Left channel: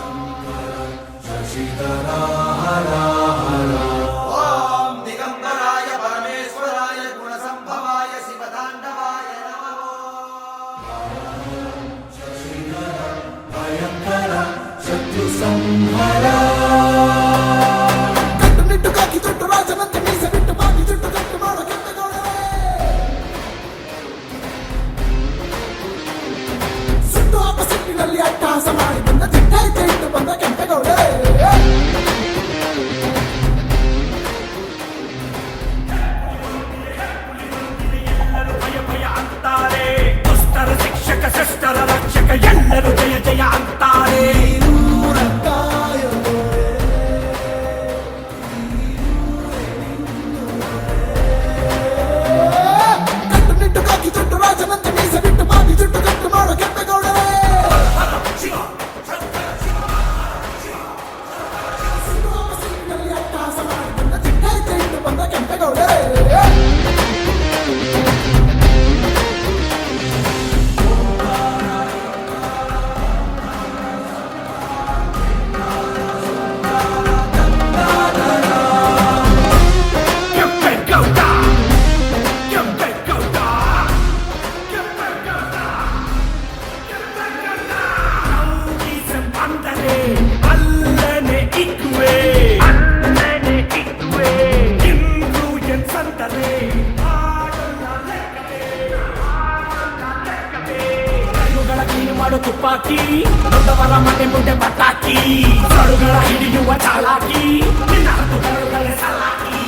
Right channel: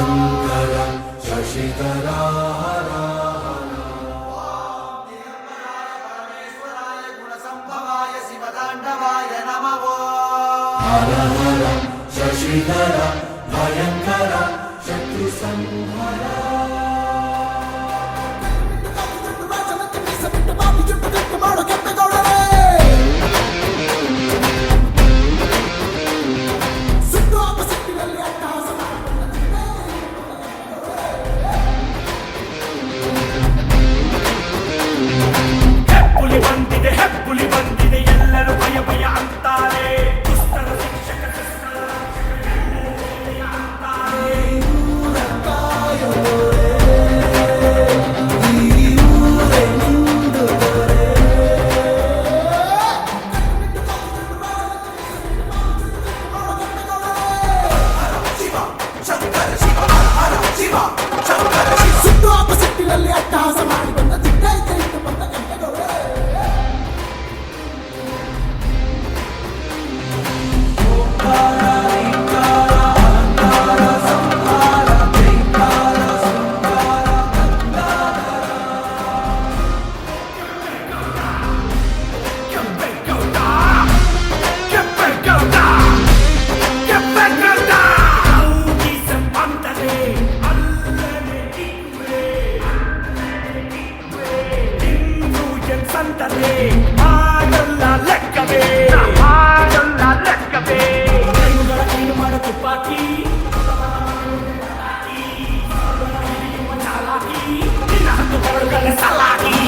ಶಂಕರ ಶಶಿಧರ ಹರ ಹರ ಓಂ ದಿಗಂಬರಾಯ ಪರಮೇಶ್ವರಾಯ ಗುಣಸಂಭವಾಯ ಶಿವತಾಂಡವಾಯ ನಮಃ ಹರ ಹರ ಶಶಿಧರ ಭಯಂಕರ ಶತ್ರು ಸಂಹರ ಕಟ್ಟುನಿಟ್ಟು ಕಾಕಿ ತೊಟ್ಟು ರಾಜನಂತೆ ಮೀಸ ಬಿಟ್ಟು ಬಾವಿ ಜುಟ್ಟು ಕಟ್ಟು ಮಾಡೋ ಕೆಂಪೇಗೌಡರೇ ಸುಟ್ಟು ಅಪಸಿಟ್ಟಿನಲ್ಲಿ ಅಟ್ಟಹಾಸ ಮಾಡಿ ಬಂದ ಚಿಟ್ಟೈತೆ ಇಟ್ಟು ಬಂದ ಕೆಂಪೇಗೌಡರೇ ಹೆಬ್ಬುಲಿ ಬಂದಿದೆ ಎಲ್ಲರೂ ಭಯ ಭಯ ಅಂತಾರೆ ದುಷ್ಟರ ಶಿಕ್ಷಕ ಶಿಷ್ಟರ ರಕ್ಷಕ ಎಲ್ಲರೂ ಜಯ ಜಯ ಅಂತಾರೆ ಕಟ್ಟುನಿಟ್ಟು ಕಾಕಿ ತೊಟ್ಟು ರಾಜನಂತೆ ಮೀಸ ಬಿಟ್ಟು ಬಾವಿ ಜುಟ್ಟು ಕಟ್ಟು ಮಾಡೋ ಕೆಂಪೇಗೌಡರೇ ಸುಟ್ಟು ಅಪಸಿಟ್ಟಿನಲ್ಲಿ ಅಟ್ಟಹಾಸ ಮಾಡಿ ಬಂದ ಚಿಟ್ಟೈತೆ ಇಟ್ಟು ಬಂದ ಕೆಂಪೇಗೌಡರೇ ಸಂತರೇ ಮಾಡಲ್ಲ ಲೆಕ್ಕವೇ ಮಾಡಲ್ಲ ಲೆಕ್ಕವೇ ಕೈಮುಗಳ ಕೀನು ಮಾಡೋ ತುಪ್ಪಾಕಿ ದೊಡ್ಡವರ ಮನೆ ಮುಂದೆ ಪಟಾಕಿ ಕರುಗಳ ಹಿಡಿಯುವ ಚಾಲಾಕಿ ನಿನ್ನ ಹತ್ತು ಕರುಗಳ ಸಲಾಕಿ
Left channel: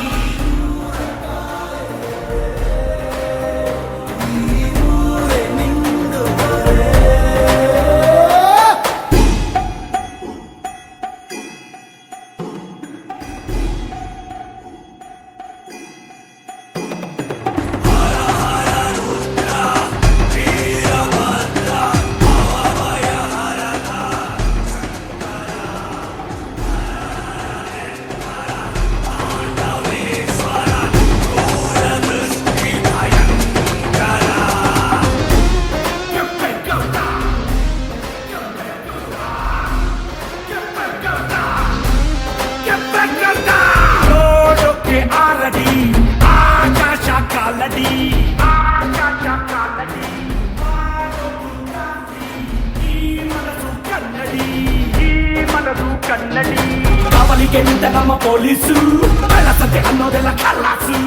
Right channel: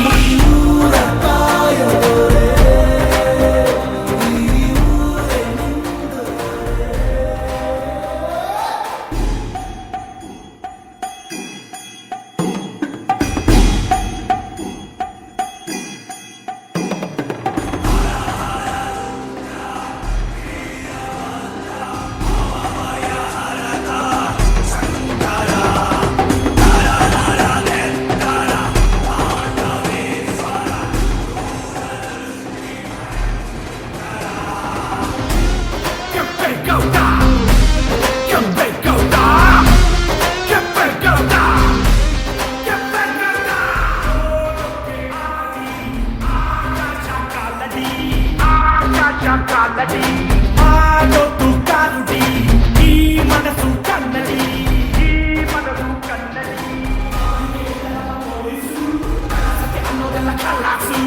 ಕಾಲಡಿ ಮಾಡೋದು ಕಾರುಡಿ ಈ ಮನಸ್ಸು ಕನ್ನಡಿ ಈ ಮನಸ್ಸು ಕನ್ನಡಿ ಕಾವಲಿಗೆ ನಿಂತ ನಮ್ಮ ಪೊಲೀಸು ಕಳ್ಳಸತೆ ಅನ್ನೋದೆಲ್ಲ ಕಲ್ಲಾಸು